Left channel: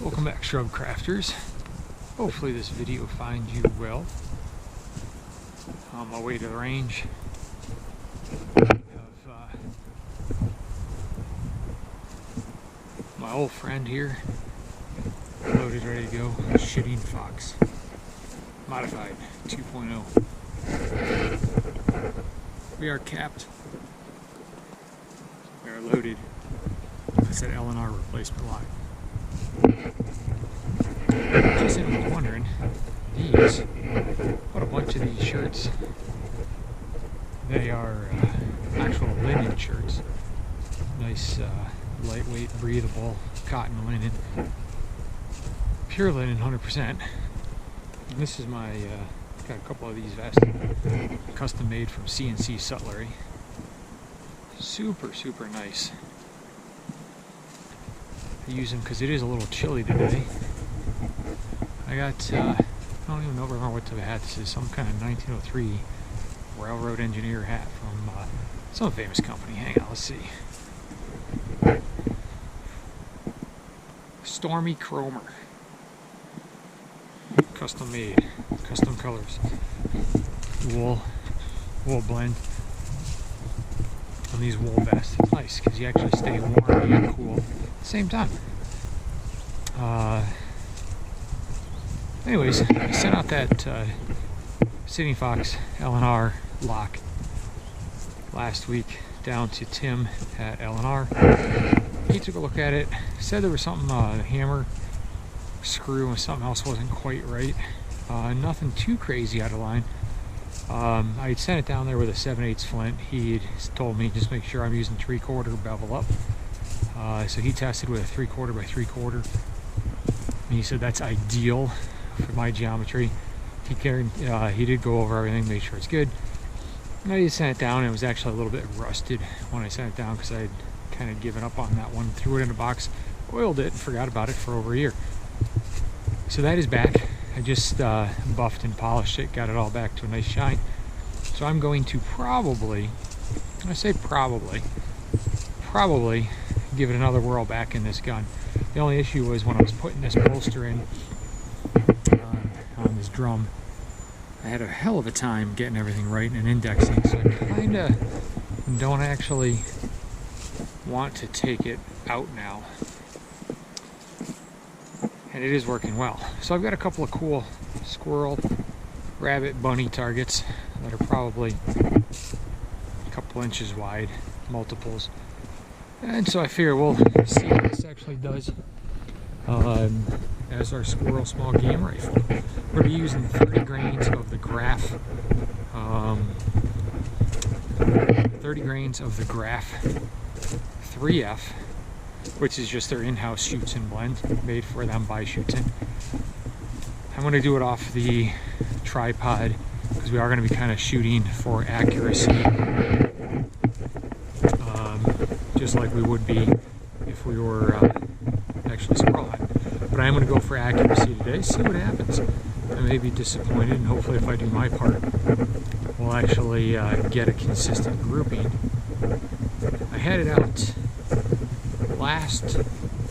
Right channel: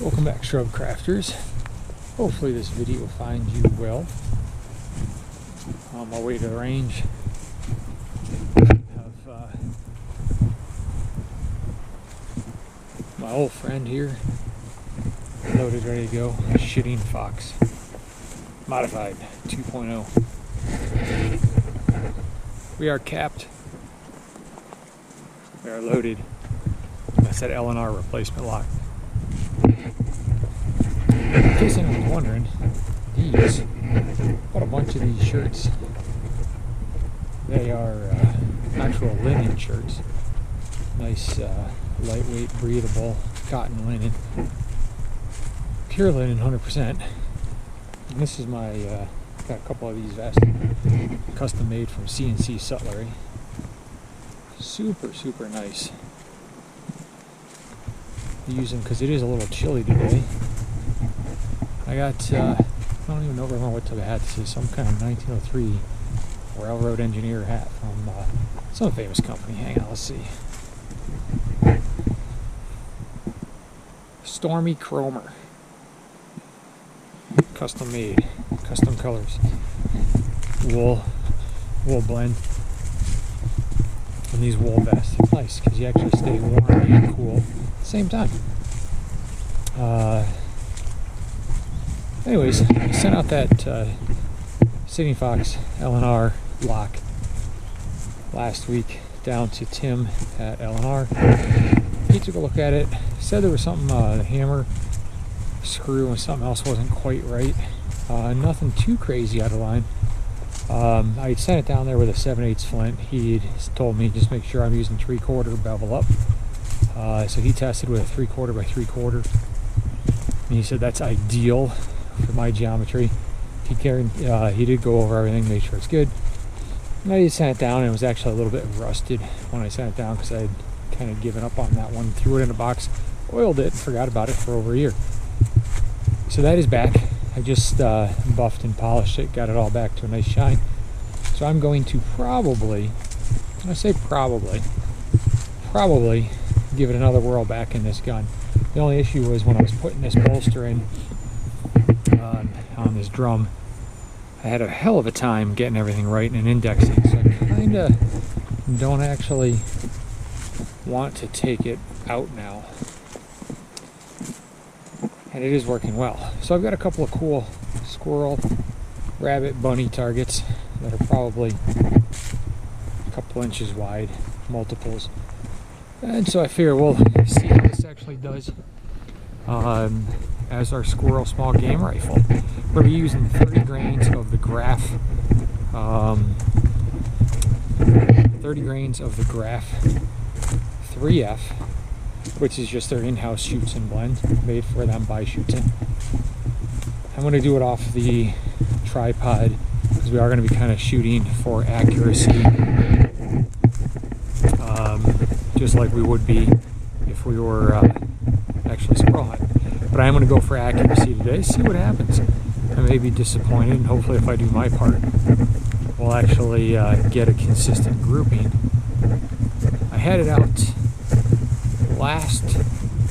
Welcome back, Shrub Crafters. Hopefully this video finds you well. On my way to the range, have my old friend here loaded, ready to go. Shitting Fox Modified 2.0. We are capped. We are loaded. That's that L&R replacement lock. In case anyone's wondering, these, bought a bunch of these shirts. They are actual linen shirts. Nice, lightweight, breathable cotton linen. Pure linen, 100%. And this is my, got a couple of these vests, custom made from CNC Sutlery. Super, super nice. I use them because it is a little chilly today. I got, I don't even know what type of hat this is. Some kind of 1903 railroad engineer hat from some famous company. Hang on, let's see. Stormy Chromer. Custom made, custom colors. Wool blend on these wool vests. It's nice because you actually stay warm and cool at the same time. Anyways, I sent out that Shitting Fox L&R lock last week down to Tim at L&R. He took a look at it, said there was something, the hammer screw and something else wasn't quite right. Nothing too crazy out of line. I had sent it down there with a 7/8 flint. He had told me just make sure I'm using 3/4 bevel up. So he tested with a 3/4 by 3/4. And he said that's ideal for my geometry. He did go over everything, made sure it's good. And I just sent it down, and it was actually a little bit rusted when I sent it down because I had kind of given up on that one. Threw it in a box, oiled it, and forgot about it for over a year. So that is back. I just buffed and polished it, got it all back to a nice shine. So I'm going to probably give it another whirl back in this gun. The only issue was when I was putting this bolster in on this drum, I had a hell of a time getting everything right and indexing, so I kind of don't actually want to take it out now. And it is working well. So I've got a couple of cool squirrel, rabbit, bunny targets that are probably a couple inches wide, multiples. And so I figure we'll see how this actually does as our squirrel small game rifle. We're going to be using 30 grains of the Graph, 30 grains of the Graph 3F, which is just their in-house shoots and blend made for them by Shoots In. I'm going to do it off the tripod because we are going to be kind of shooting for accuracy, just like we would be if we were actually squirrel hunting. But I am going to go for accuracy today, see what happens. I may be disappointed, and hopefully if I do my part, we'll actually get a consistent grouping. I had it out last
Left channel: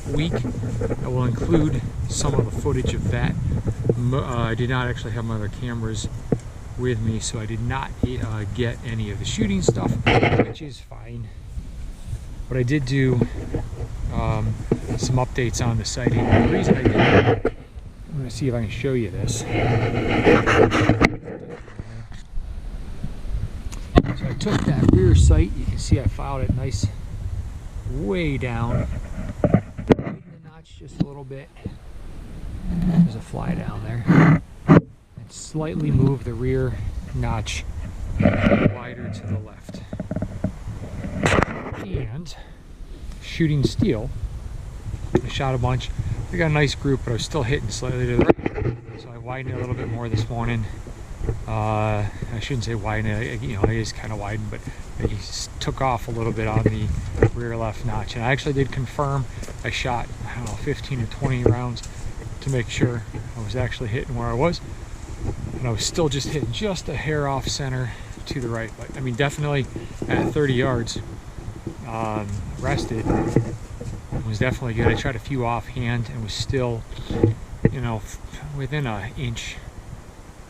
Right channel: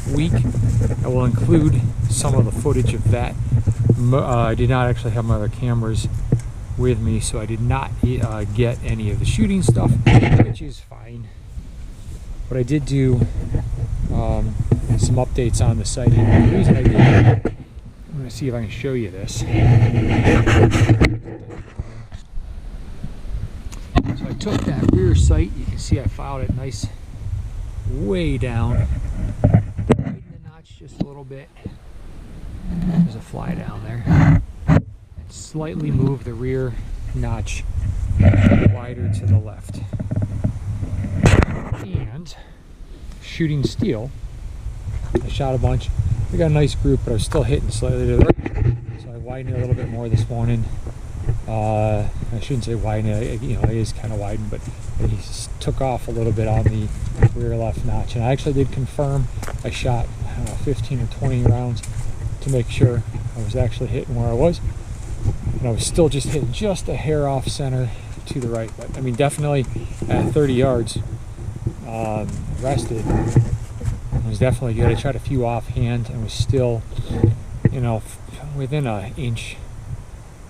week. I will include some of the footage of that. I did not actually have my other cameras with me, so I did not get any of the shooting stuff, which is fine. But I did do some updates on the sighting, and the reason I did that, I'm going to see if I can show you this. So I took that rear sight, you can see I filed it nice way down, widen the notch just a little bit, there's a fly down there, and slightly move the rear notch wider to the left. And shooting steel, I shot a bunch. I got a nice group, but I was still hitting slightly to the right, so I widened it a little bit more this morning. I shouldn't say widen it, you know, it is kind of widened, but I just took off a little bit on the rear left notch. And I actually did confirm I shot, I don't know, 15 or 20 rounds to make sure I was actually hitting where I was. And I was still just hitting just a hair off center to the right. But I mean, definitely at 30 yards rested, was definitely good. I tried a few offhand and was still, you know, within an inch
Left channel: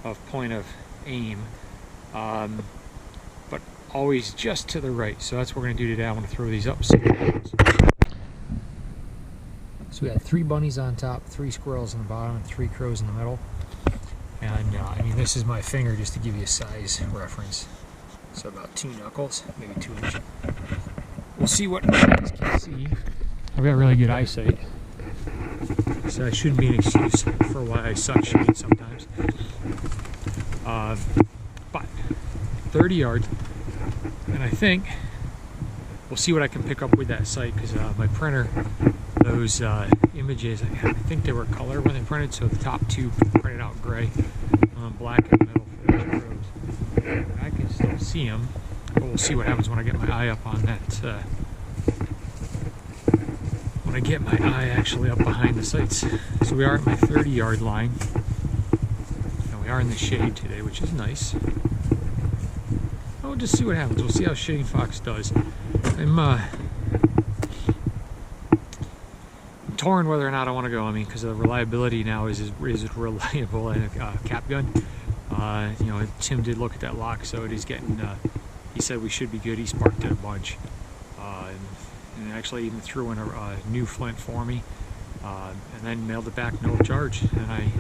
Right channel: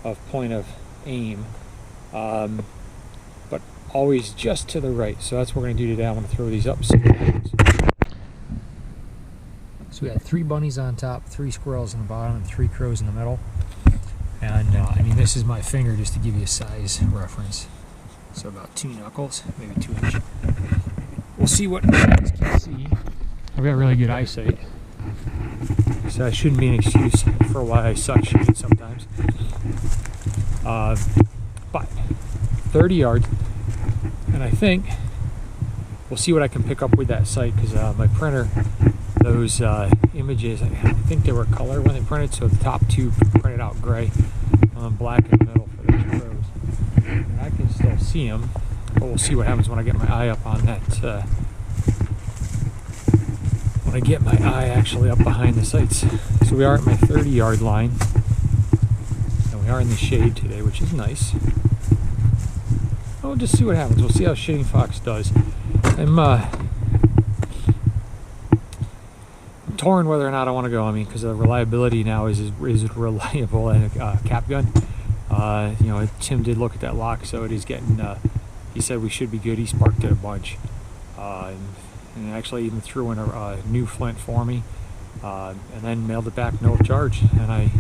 of point of aim, but always just to the right. So that's what we're gonna do today. I want to throw these up, see what happens. So we got 3 bunnies on top, 3 squirrels on the bottom, and 3 crows in the middle. And I mean, this is my finger just to give you a size reference. So about 2 knuckles, maybe 2 inch. We'll see what my eyes can see. I've got really good eyesight, so that shouldn't be an excuse for why I suck shooting sometimes. But 30 yards, and I think we'll see what I can pick up with that sight, because my printer, those images, I think they were color when they printed, so the top 2 printed out gray, black in the middle for those crows. And I can still see them, but we'll see what happens when I get my eye up on that. When I get my eye actually up behind the sights. So we are at my 30-yard line, and we are in the shade today, which is nice. We'll just see what happens. We'll see how Shitting Fox does. I'm torn whether or not I want to go. I mean, because the reliability now is reliable, and cap gun. You know, Tim did look at that lock, so it is getting. He said we should be good. He sparked it a bunch, and actually even threw in a new flint for me, and then mailed it back no charge. And I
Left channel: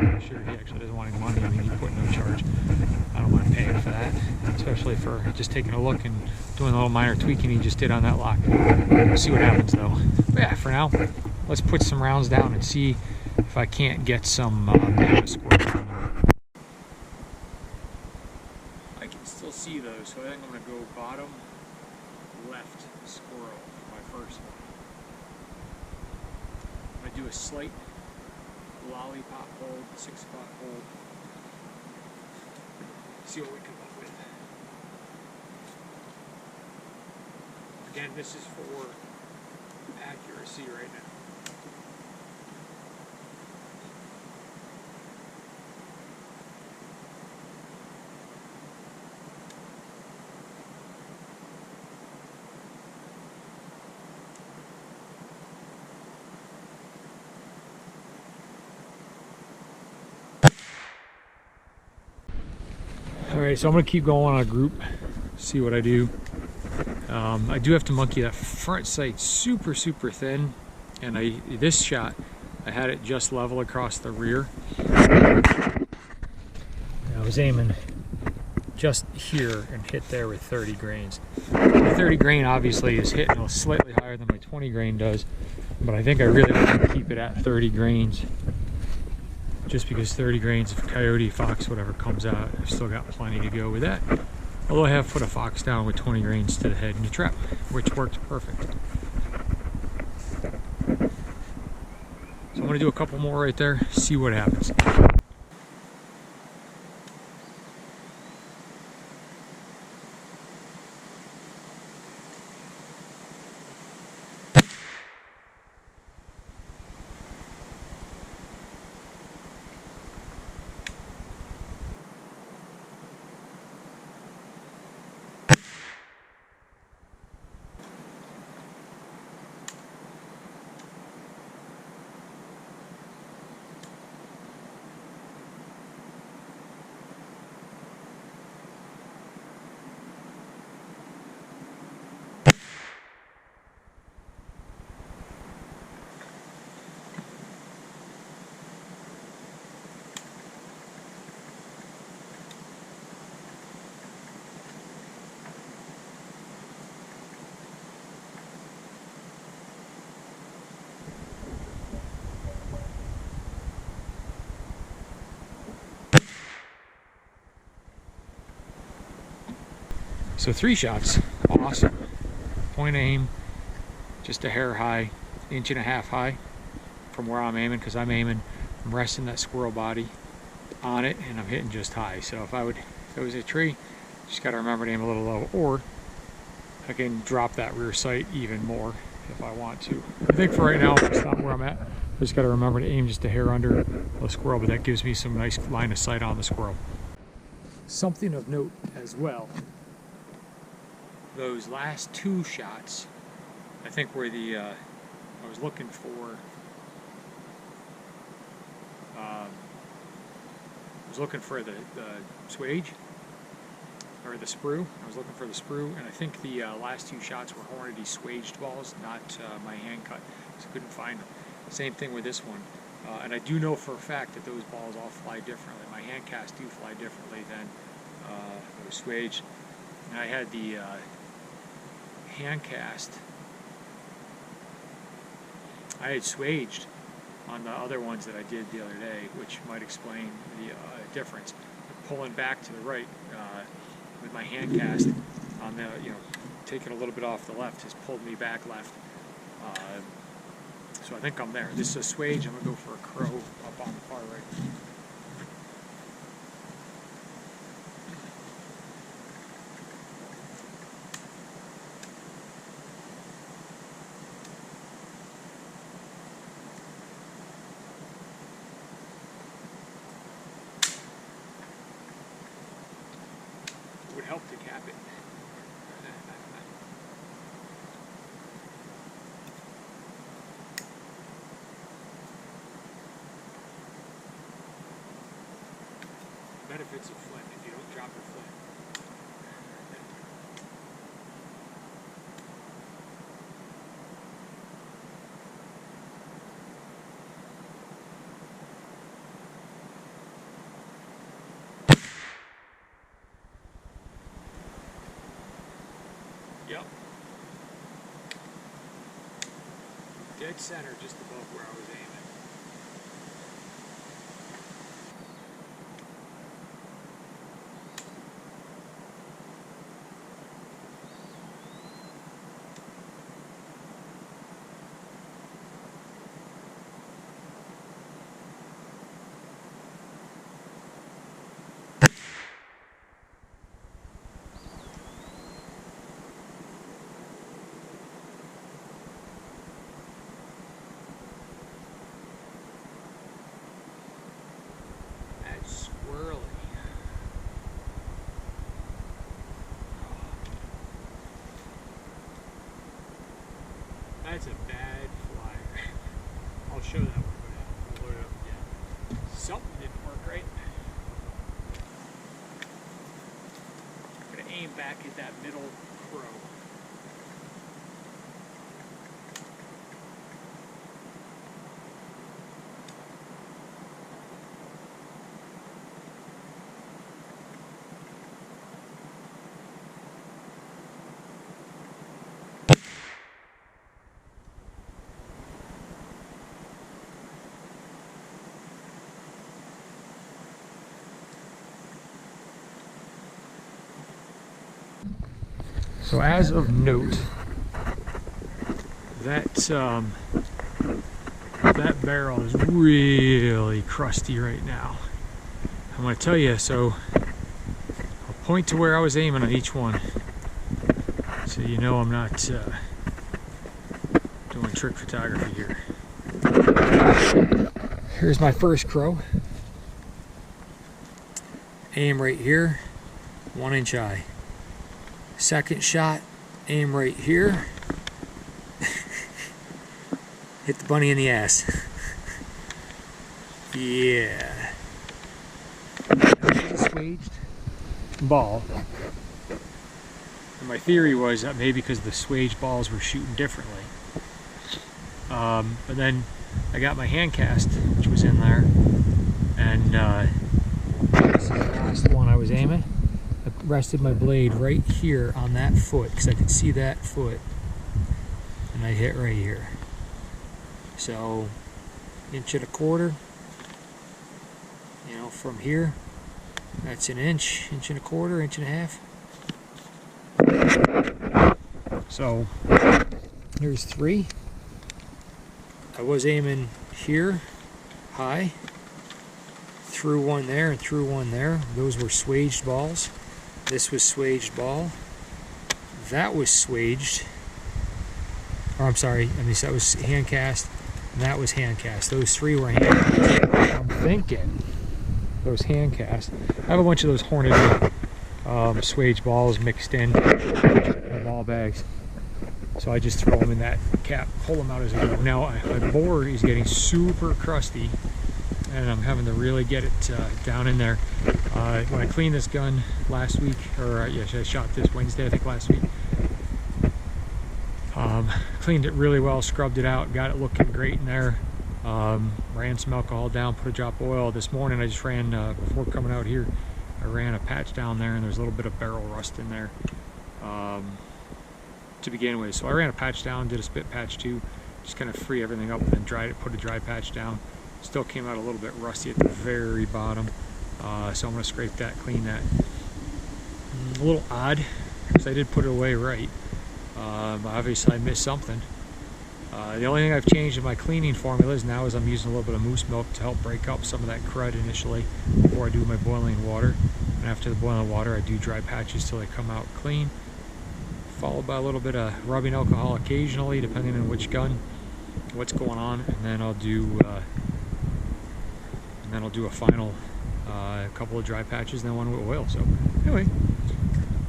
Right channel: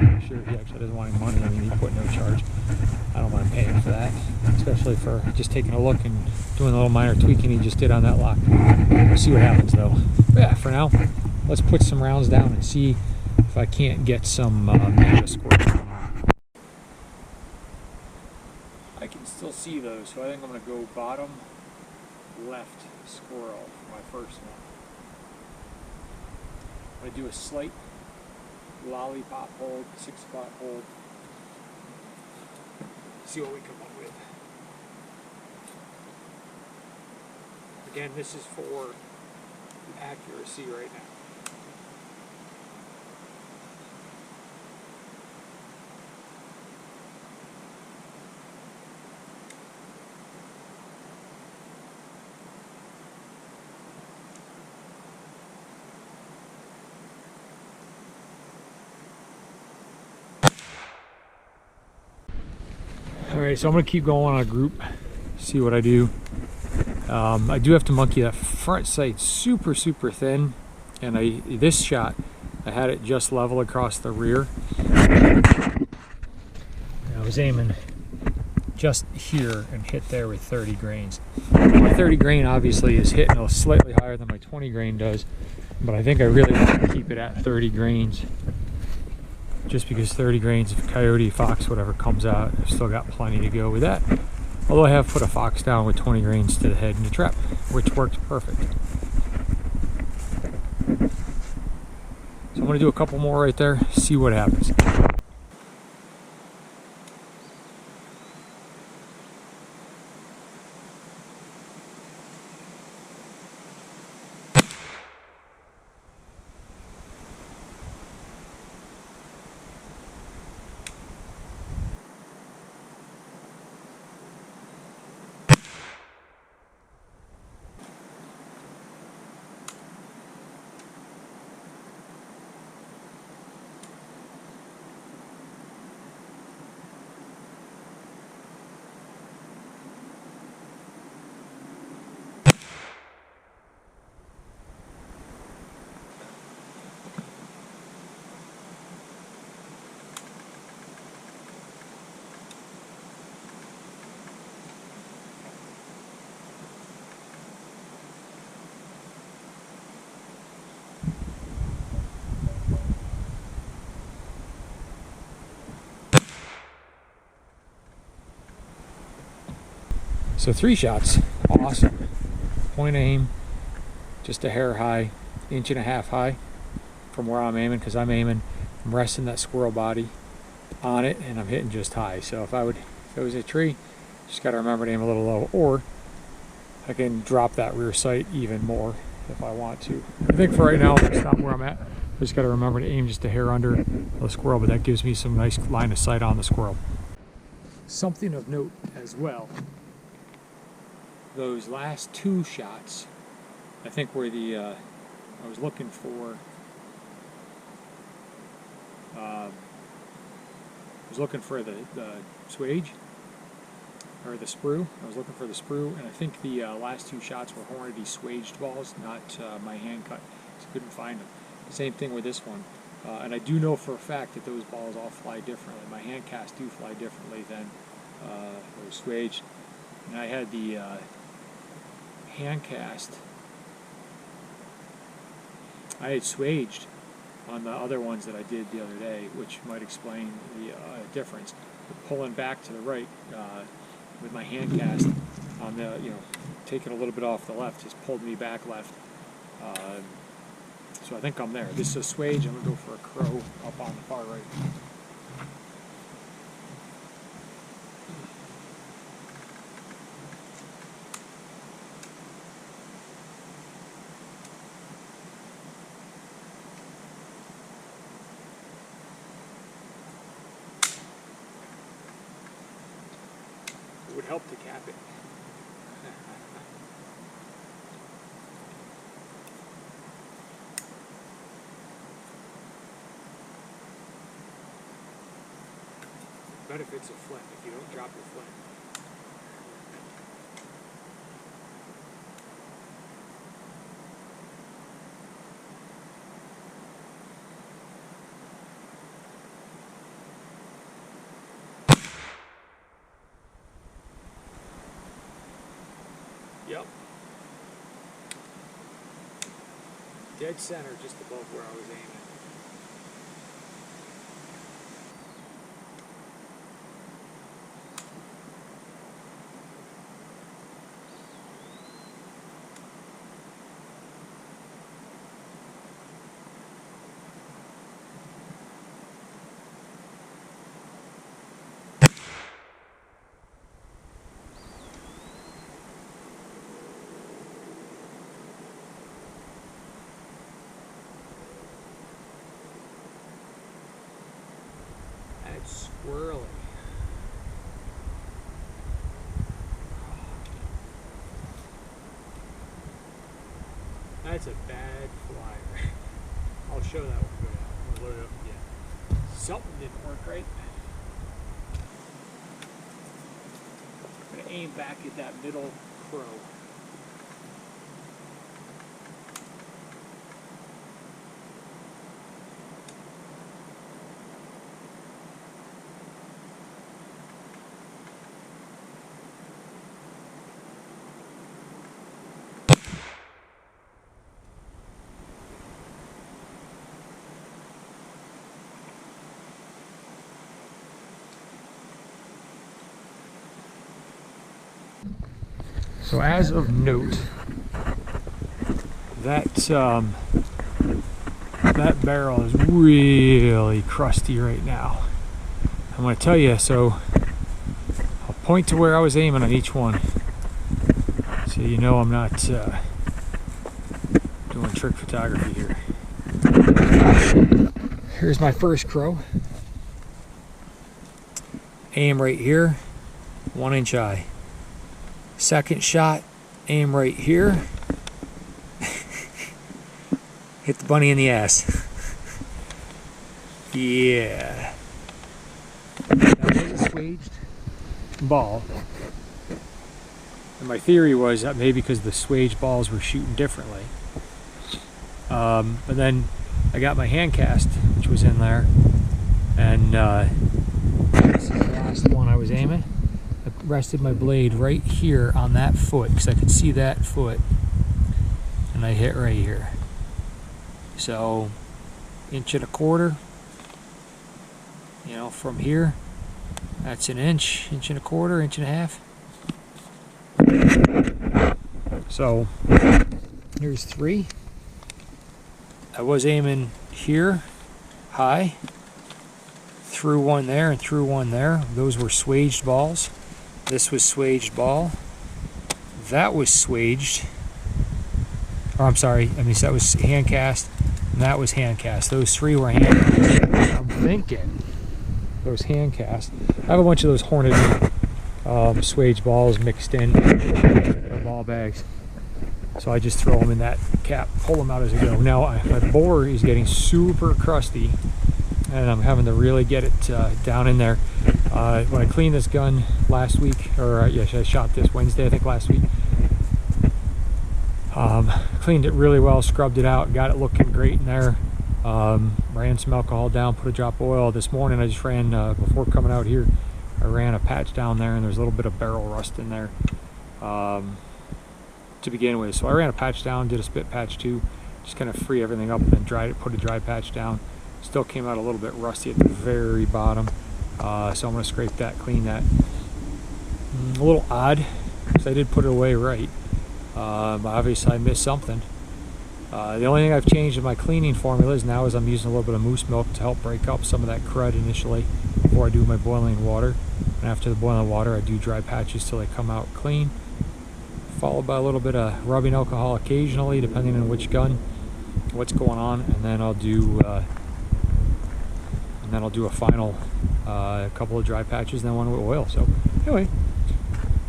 make sure he actually doesn't want any money. I mean, he put no charge. I don't mind paying for that, especially for just taking a look and doing a little minor tweaking he just did on that lock. We'll see what happens though. But yeah, for now, let's put some rounds down and see if I can't get some a squirrel going on. I can still see those, so I think I'm going to go bottom left squirrel for my first one. I'm going to do a slight lollipop hold, 6 o'clock hold. See what we come up with. Again, this is for accuracy right now. Alright, so I'm going to keep going on a group, see what I do. I do have to monkey that front sight super thin, and this shot, I had it just level across the rear. I was aiming just here and hit there with 30 grains. My 30 grain obviously is hitting a slightly higher than my 20 grain does, but I think I really want to keep it at 30 grains. Just because 30 grains of coyote, fox, whatever comes out, I've still got plenty to go with that. Although I have put a fox down with 20 grains to the head in a trap, which worked perfect. So I'm going to do a couple more right there, see what happens. So 3 shots, awesome. Point aim, just a hair high, 1.5 inches high from where I'm aiming, because I'm resting that squirrel body on it, and I'm hitting just high. So if it was a tree, just got to remember to aim a little low, or I can drop that rear sight even more if I want to. I think for right now, it's not where I'm at. I just got to remember to aim just a hair under the squirrel, but that gives me some nice line of sight on the squirrel. Something of note as well, those last 2 shots, I think were the I was looking for the swage, or the sprue. I was looking for the sprue, and I think the last two shots were Hornady swaged balls, not my hand cut, so I couldn't find them. Same thing with this one. And I do know for a fact that those balls all fly differently. My hand casts do fly differently than those swaged. And I had the hand cast, I had swaged on the other ones that I did the other day, which might explain the difference. But pulling back to the right with my hand cast on the, taking a little bit off the left has pulled me back left. So I think I'm there. This is a swage. I'm going to go for a crow up on the far right. It would help to cap it. Benefits of flint if you don't drop your flint. Yep. Dead center just above where I was aiming. Swirly. That's a bad flyer. I'll show that one go down. I'm going to load it up again. Something didn't work right. I'm going to aim back at that middle crow. So as of note, that that barrel is really crusty right now. I'm going to tell you, so I'll point to where I was aiming on each one, so you know I'm not doing trick photography here. Here's my first crow. Aim right here, 1 inch eye. Second shot, aim right here. Hit the bunny in the ass. Yeah. That was a swaged ball. And my theory was that maybe because the swaged balls were shooting differently. But then I got my hand cast, which was in there. And this is the last one I was aiming. I rested my blade right here on that foot because I could see that foot, and I hit right here. So 1.25 inches, from here, that's 1 inch, 1.25 1.5 inches. So here's 3. I was aiming here, high, threw one there and threw one there. Those were swaged balls. This was swaged ball. That was swaged. Or I'm sorry, that was hand cast. And that was hand cast. Those 3 were hand cast. I'm thinking those hand cast. I have a bunch of those Hornady swaged balls mixed in my ball bags. So I just throw them in that cap, pull them out as I go. Now my bore is getting super crusty, and I'm having to really get it down in there. When I cleaned this gun last week, or yes, I shot this Wednesday, I think, last week. Cleaned it really well, scrubbed it out, got it looking great in there. Ran some alcohol down, put a drop of oil. This morning I just ran, before coming out here, I ran a patch down there, and there's a little bit of barrel rust in there to begin with. So I ran a patch down, did a spit patch too, just kind of free everything up, and then dried it, put a dry patch down. Still came out a little bit rusty at the very bottom. So I'm going to scrape that, clean that. A little odd, because I did put it away right. Obviously I missed something. The only thing I've changed in my cleaning formulas now is I'm using a little bit of moose milk to help break up some of that crud initially before I do my boiling water. And after the boiling water, I do dry patches till they come out clean, followed by a little bit of rubbing alcohol occasionally, depending on which gun, what's going on, and then I'll do a final couple of dry patches, and then one with oil. So anyway,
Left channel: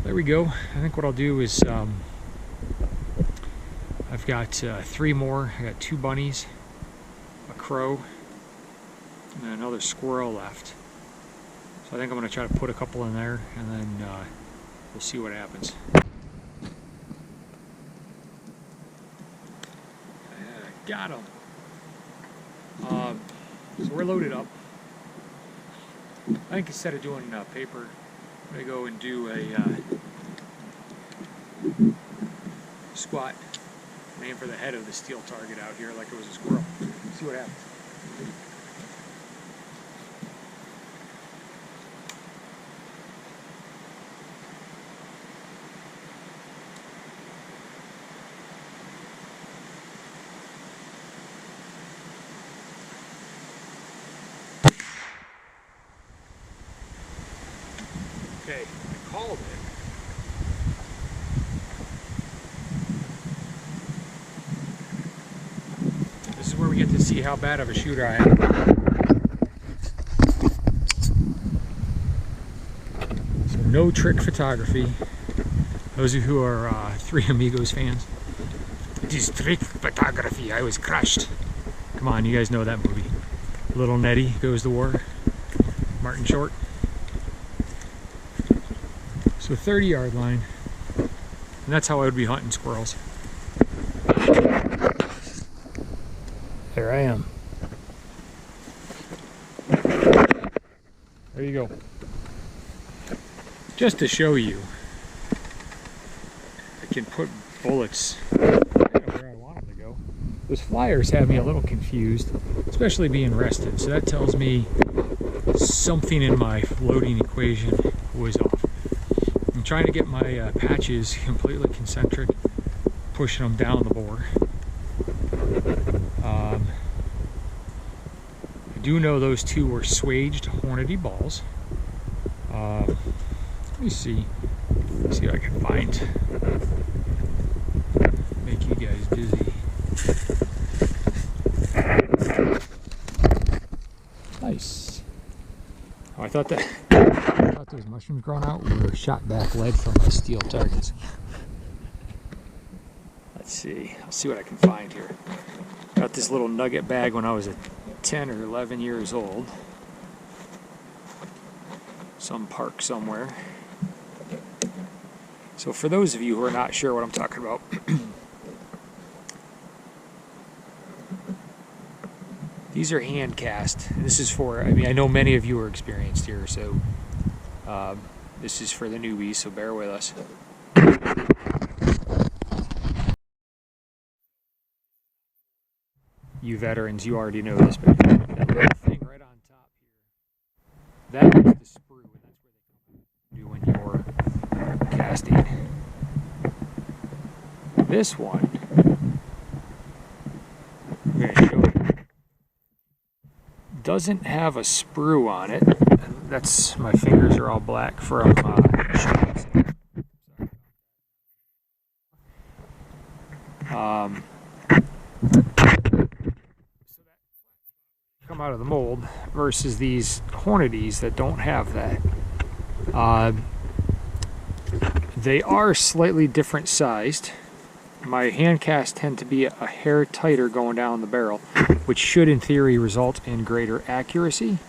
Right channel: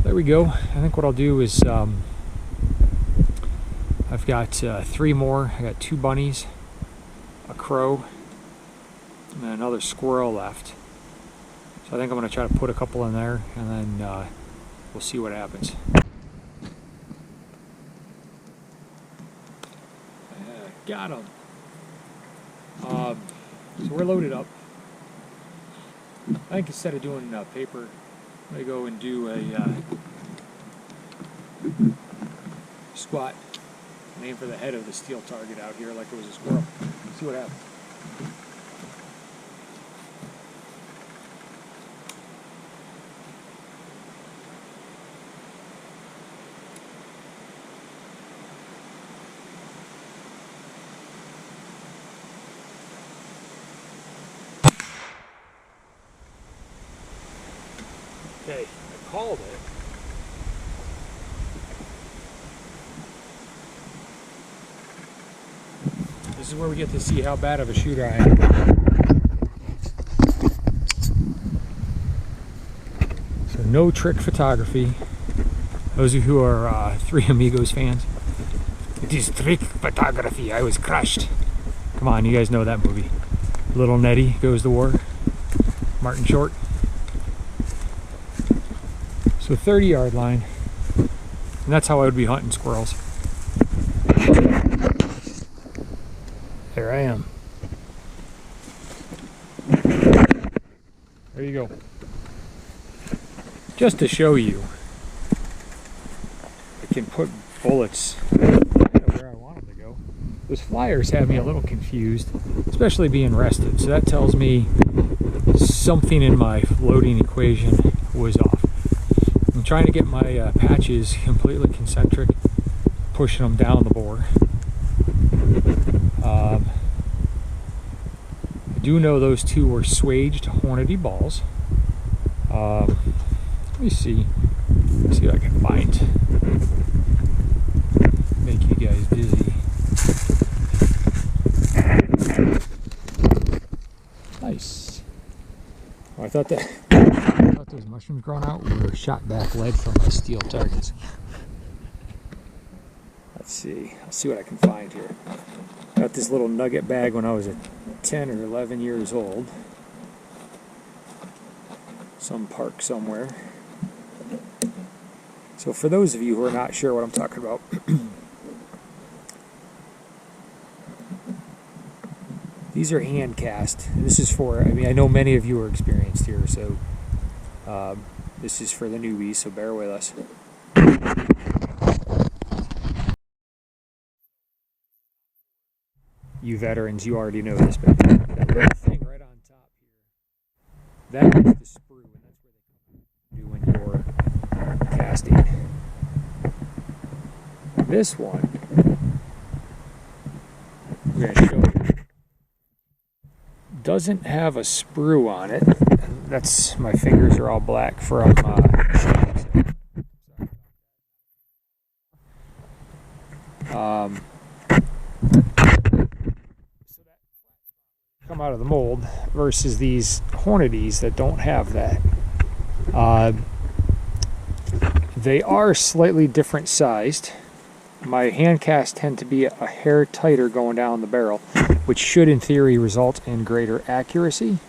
there we go. I think what I'll do is I've got 3 more. I got 2 bunnies, a crow, and another squirrel left. So I think I'm going to try to put a couple in there, and then we'll see what happens. Got them. So we're loaded up. I think instead of doing paper, I'm going to go and do a squat. Aim for the head of the steel target out here like it was a squirrel. See what happens. Okay, I called it. This is where we get to see how bad of a shooter I am. So no trick photography. Those of you who are Three Amigos fans, it is trick photography. I was crushed. Come on, you guys know that movie. Little Nettie Goes to War. Martin Short. So 30-yard line. And that's how I would be hunting squirrels. There I am. There you go. Just to show you, I can put bullets kind of where I want them to go. Those flyers have me a little confused, especially being rested. So that tells me something in my loading equation was off. I'm trying to get my patches completely concentric, pushing them down the bore. I do know those 2 were swaged Hornady balls. Let me see. Let's see if I can find. Make you guys dizzy. Nice. Oh, I thought those mushrooms growing out were shot back lead from my steel targets. Let's see. I'll see what I can find here. Got this little nugget bag when I was 10 or 11 years old. Some park somewhere. So for those of you who are not sure what I'm talking about, these are hand cast. This is for, I mean, I know many of you are experienced here, so this is for the newbies, so bear with us. You veterans, you already know this, but that little thing right on top here, that is the sprue, and that's where they come out doing your casting. This one, I'm going to show you, doesn't have a sprue on it, and that's, my fingers are all black from shooting. Come out of the mold versus these Hornadies that don't have that. They are slightly different sized. my hand casts tend to be a hair tighter going down the barrel, which should in theory result in greater accuracy.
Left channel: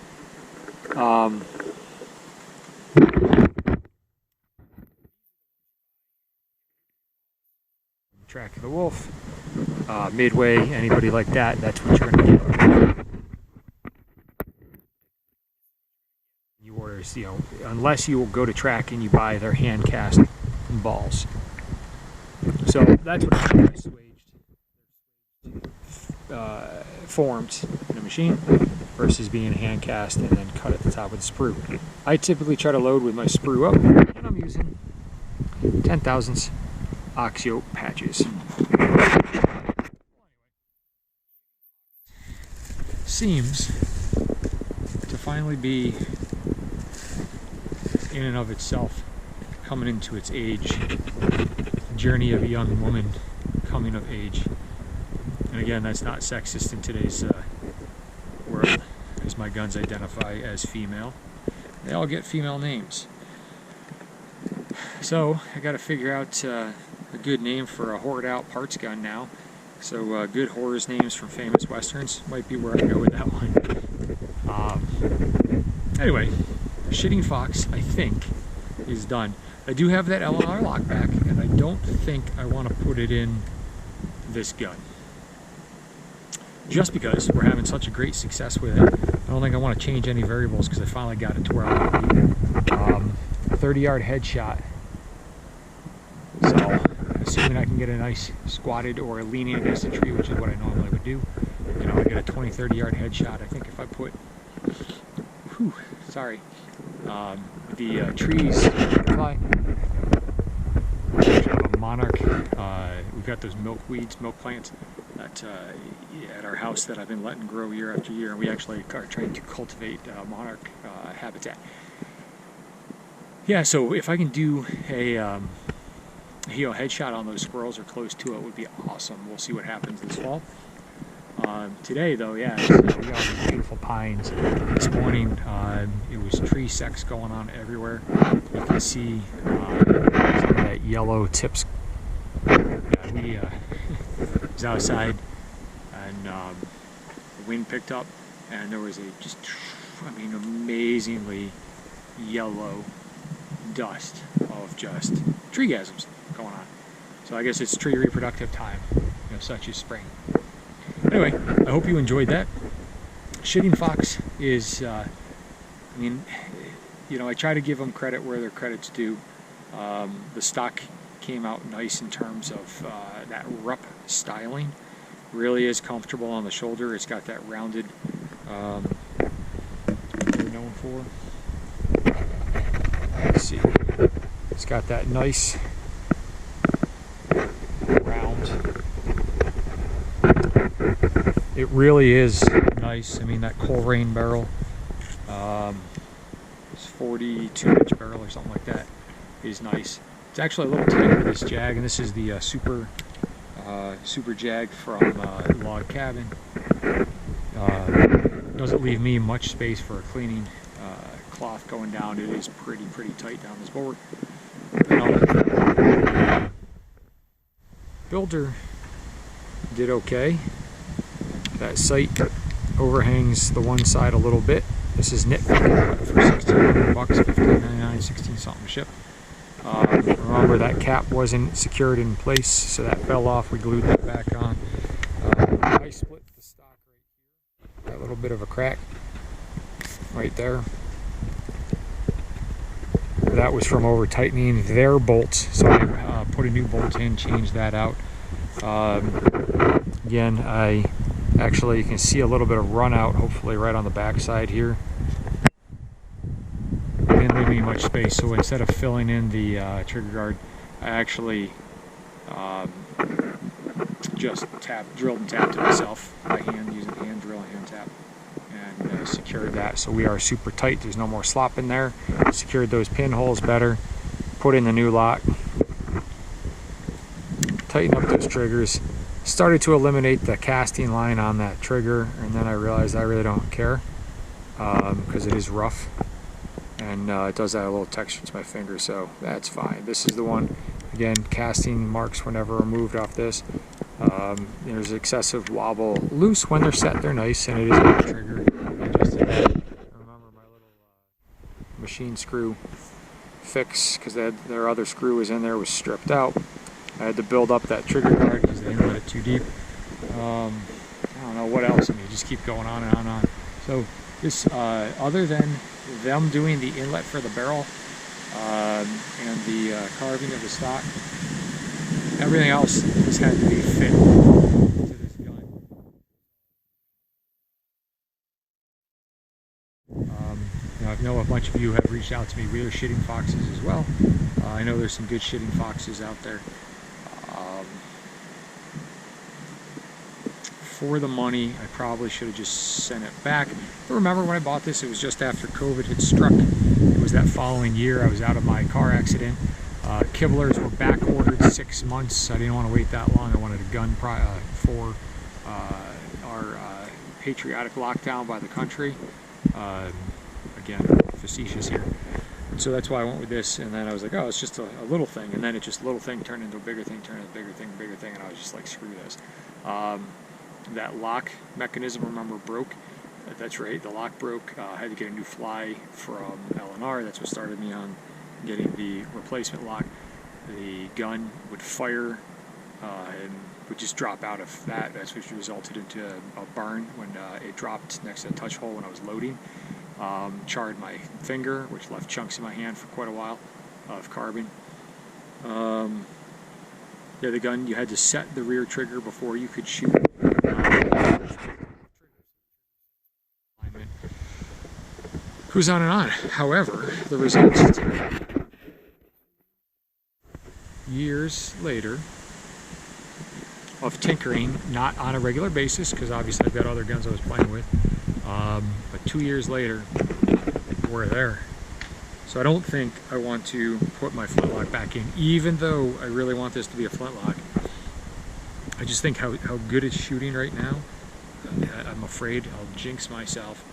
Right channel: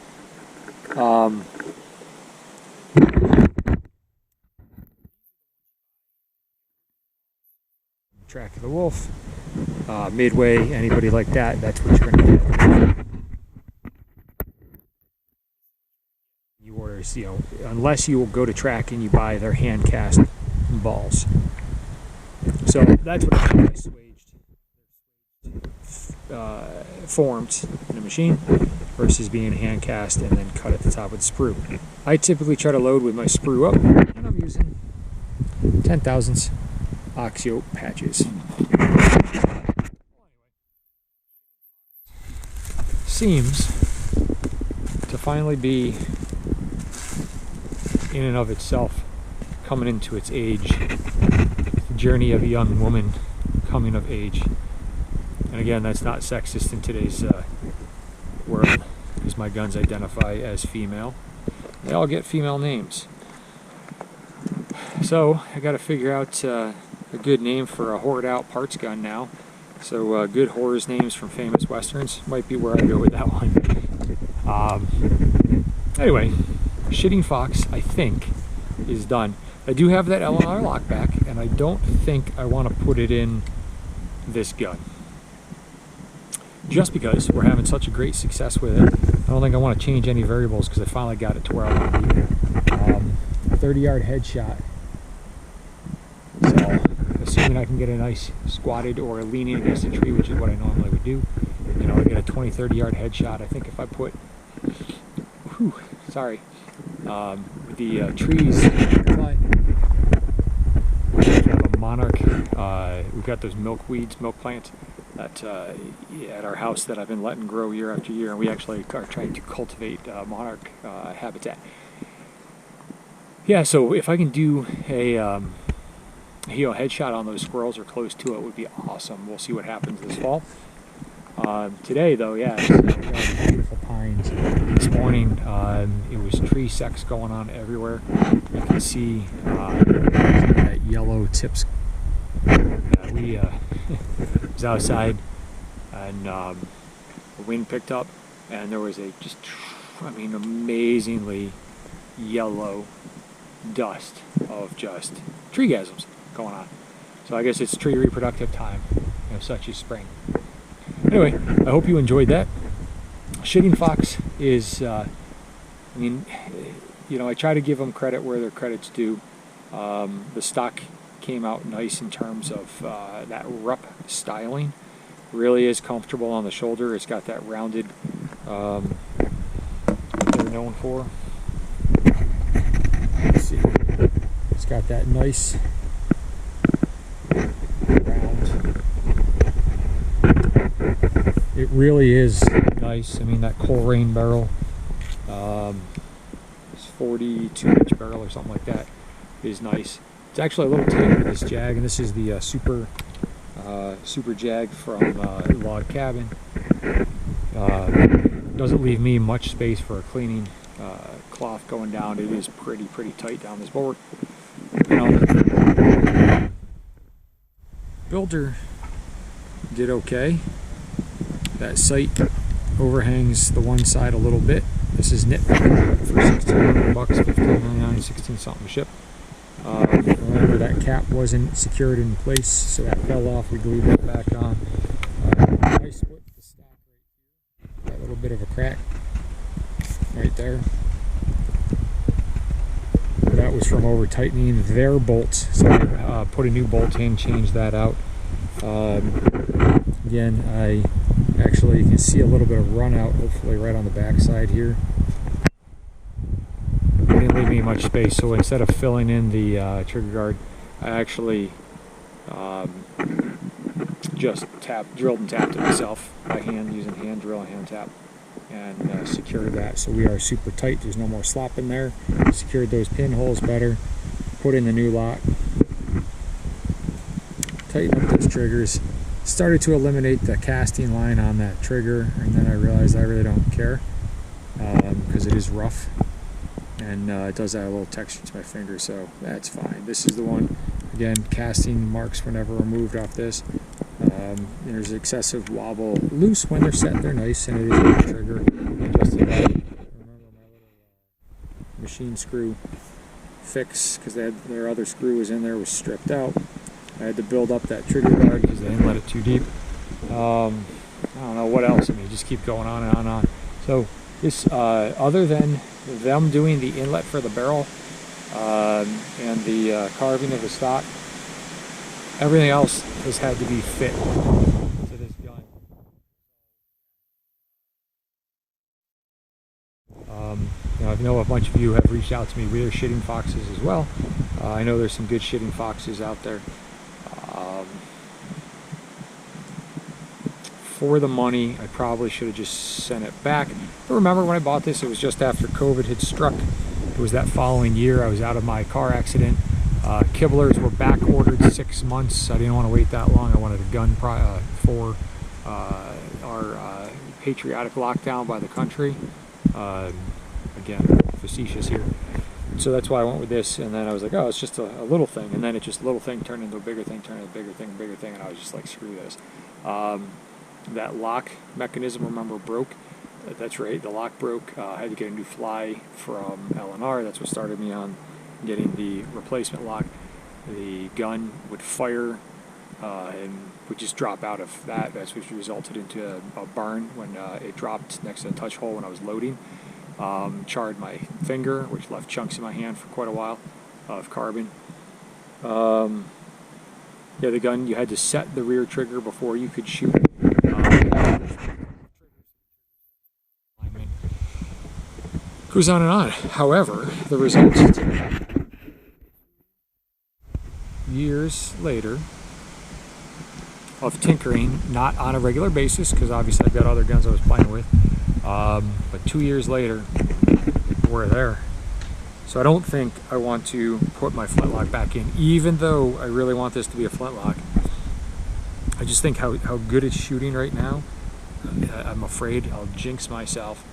Track of the Wolf, Midway, anybody like that, that's what you're going to get. You order, you know, unless you will go to Track and you buy their hand cast balls. So that's what I mean by swaged formed in a machine versus being hand cast and then cut at the top with the sprue. I typically try to load with my sprue up, and I'm using 10 thousandths Oxio patches. Seems to finally be in and of itself coming into its age. The journey of a young woman coming of age. And again, that's not sexist in today's world, because my guns identify as female. They all get female names. So I got to figure out a good name for a hoard out parts gun now. So good horrors names from famous westerns might be where I go with that one. Anyway, Shitting Fox, I think, is done. I do have that L&R lockback, and I don't think I want to put it in this gun. Just because we're having such a great success with it, I don't think I want to change any variables because I finally got it to where I want to be. A 30-yard headshot. So, assuming I can get a nice squatted or leaning against a tree, which is what I normally would do, you know, I get a 20-30 yard headshot. I think if I put, with the trees, fly. We have a monarch. We've got those milk plants that at our house that I've been letting grow year after year, and we actually are trying to cultivate monarch habitat. Yeah, so if I can do a headshot on those squirrels or close to it would be awesome. We'll see what happens this fall. Today, though, yeah, we got all these beautiful pines. This morning, it was tree sex going on everywhere. You can see some of that yellow tips. Yeah, we was outside, and the wind picked up, and there was amazingly yellow dust of just treegasms going on. So I guess it's tree reproductive time, you know, such as spring. Anyway, I hope you enjoyed that. Shitting Fox is, I try to give them credit where their credit's due. The stock came out nice in terms of that rup styling. Really is comfortable on the shoulder. It's got that rounded, what they're known for. Let's see. It's got that nice round. It really is nice. I mean, that Coleraine barrel, it's 42-inch barrel or something like that, is nice. It's actually a little tight with this Jag, and this is the Super Jag from Log Cabin. Doesn't leave me much space for a cleaning cloth going down. It is pretty tight down this board. You know, the builder did okay. That sight overhangs the one side a little bit. This is nitpicking, but for $1,600, $15.99, 16 something to ship. Remember that cap wasn't secured in place, so that fell off. We glued that back on. I split the stock right here. That little bit of a crack right there. That was from over tightening their bolts, so I put a new bolt in, changed that out. Again, you can see a little bit of run out, hopefully right on the back side here. They didn't leave me much space, so instead of filling in the trigger guard, I actually just drilled and tapped it myself by hand, using hand drill and hand tap, and secured that. So we are super tight. There's no more slop in there. Secured those pinholes better. Put in the new lock. Tighten up those triggers. Started to eliminate the casting line on that trigger, and then I realized I really don't care because it is rough, and it does add a little texture to my finger, so that's fine. This is the one Again, casting marks were never removed off this. There's excessive wobble. Loose when they're set, they're nice, and it is a good trigger. I adjusted that. I remember my little machine screw fix, because their other screw was in there, was stripped out. I had to build up that trigger guard because they didn't let it too deep. I don't know what else. I mean, you just keep going on and on and on. So this, other than them doing the inlet for the barrel and the carving of the stock, everything else has had to be fit to this gun. You know, I know a bunch of you have reached out to me. We are shitting foxes as well. I know there's some good shitting foxes out there. For the money, I probably should have just sent it back. But remember, when I bought this, it was just after COVID had struck. It was that following year. I was out of my car accident. Kibblers were back ordered 6 months. I didn't want to wait that long. I wanted a gun for our patriotic lockdown by the country. Again, facetious here. So that's why I went with this, and then I was like, oh, it's just a little thing, and then it just, little thing turned into a bigger thing, turned into a bigger thing, and I was just like, screw this. That lock mechanism, remember, broke. That's right, the lock broke. I had to get a new fly from L&R. That's what started me on getting the replacement lock. The gun would fire and would just drop out of that. That's what resulted into a burn when it dropped next to the touch hole when I was loading. Charred my finger, which left chunks in my hand for quite a while of carbon. Yeah, the gun, you had to set the rear trigger before you could shoot. Goes on and on. However, the results today, years later of tinkering, not on a regular basis, because obviously I've got other guns I was playing with, but 2 years later, we're there. So I don't think I want to put my flintlock back in, even though I really want this to be a flintlock. I just think how good it's shooting right now, I'm afraid I'll jinx myself.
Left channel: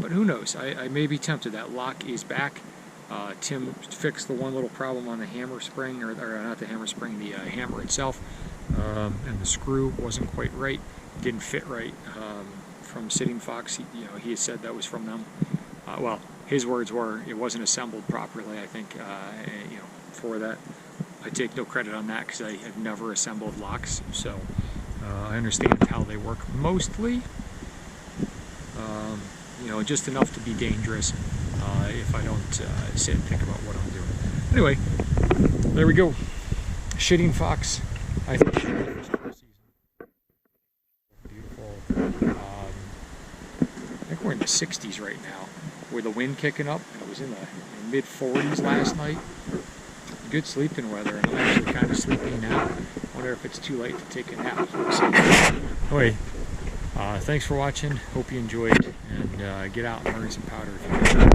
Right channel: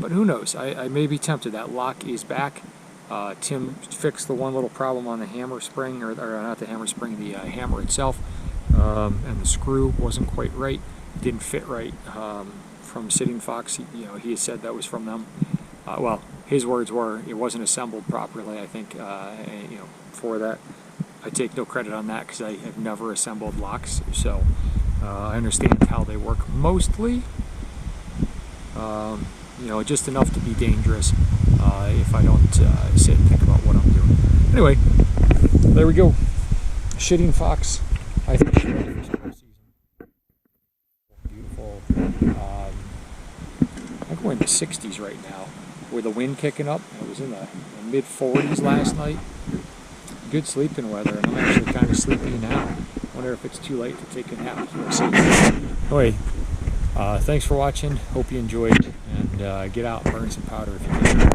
But who knows? I may be tempted. That lock is back. Tim fixed the one little problem on the hammer spring, or not the hammer spring, the hammer itself, and the screw wasn't quite right. Didn't fit right. From Sitting Fox, he had said that was from them. Well, his words were it wasn't assembled properly. I think for that, I take no credit on that because I have never assembled locks, so I understand how they work mostly. Just enough to be dangerous if I don't sit and think about what I'm doing. Anyway, there we go. Shitting Fox, I think it's ready for square season. Beautiful. I think we're in the 60s right now with the wind kicking up, and it was in the mid 40s last night. Good sleeping weather, and I'm actually kind of sleepy now. Wonder if it's too late to take a nap. We'll see. Anyway, thanks for watching. Hope you enjoyed, and get out and burn some powder if you can.